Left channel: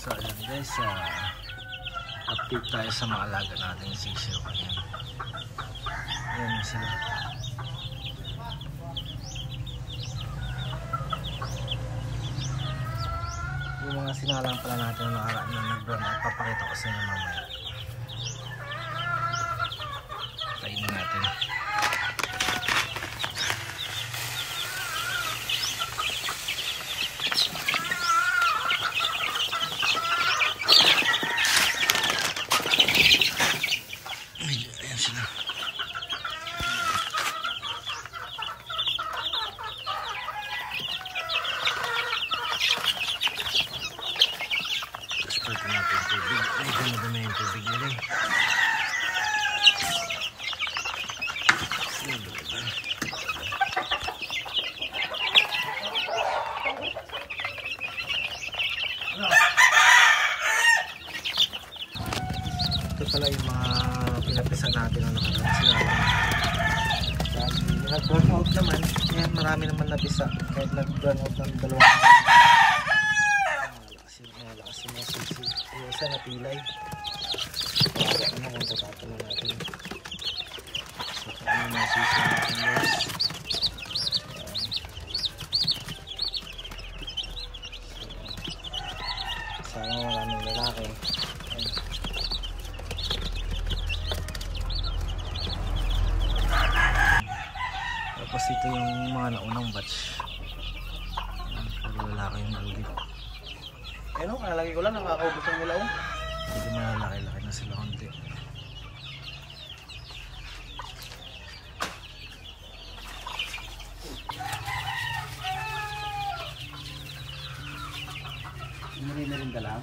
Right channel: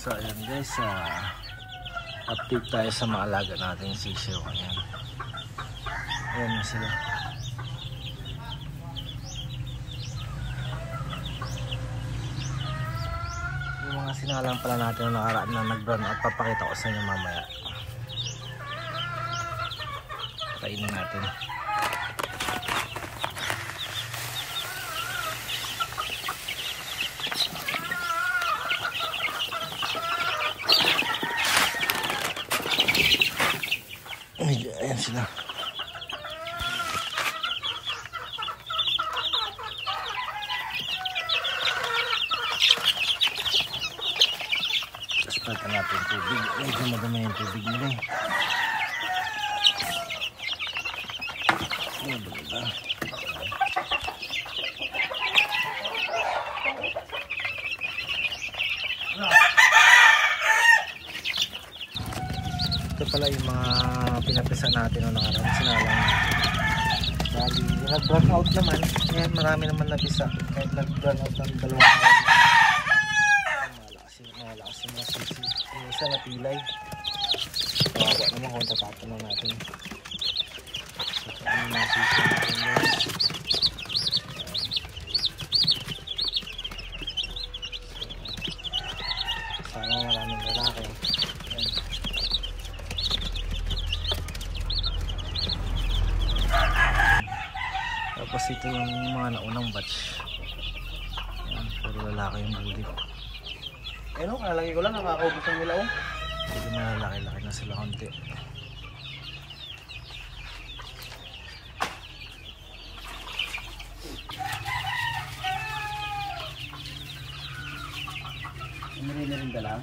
So ayan guys, update tayo sa mga alaga nating sisiw. Ayan, ayan na sila. Yung mga sinalang pala natin na nakaraan na nag-brown out, papakita ko sa inyo mamaya. Kainin natin. Ayan sila. Tapos pagka natin yung tubig. Ay, dama-dama yung tubig nila. Ito pala yung mga pinapisan natin nung nakaraan, sinalang. Bali, nag-run out naman. Ngayon marami naman nabisa. Kahit nag-run out ng 2 araw. Malakas yung mga sisi. Yung isa napilay. Kawawa naman kung tatapon na natin. So, ano yung mga sisi natin guys. Sana maraming lalaki. Ayan. Tapos ito yung mga naunang batch. Ayan, puro lalaki yung bulik. Ano, kalagi ko lang nakakaubos ang nila. Hindi malalaki-laki na sila konti. Hindi na rin dala.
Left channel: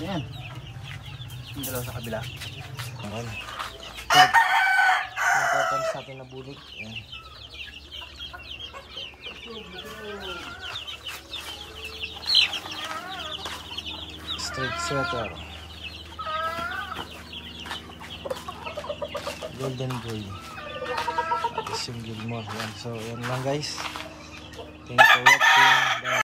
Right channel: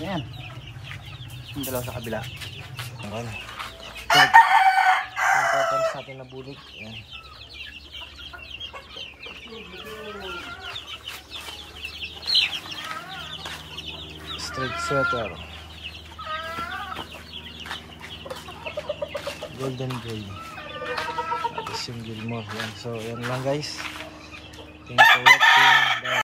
Yan. Yung dalawa sa kabila. Ayan. Yung totals natin na bulik. Ayan. Straight sweater. Golden gray. Tapos yung Gilmore. Yan. So yan lang guys. Thank you for watching. Bye.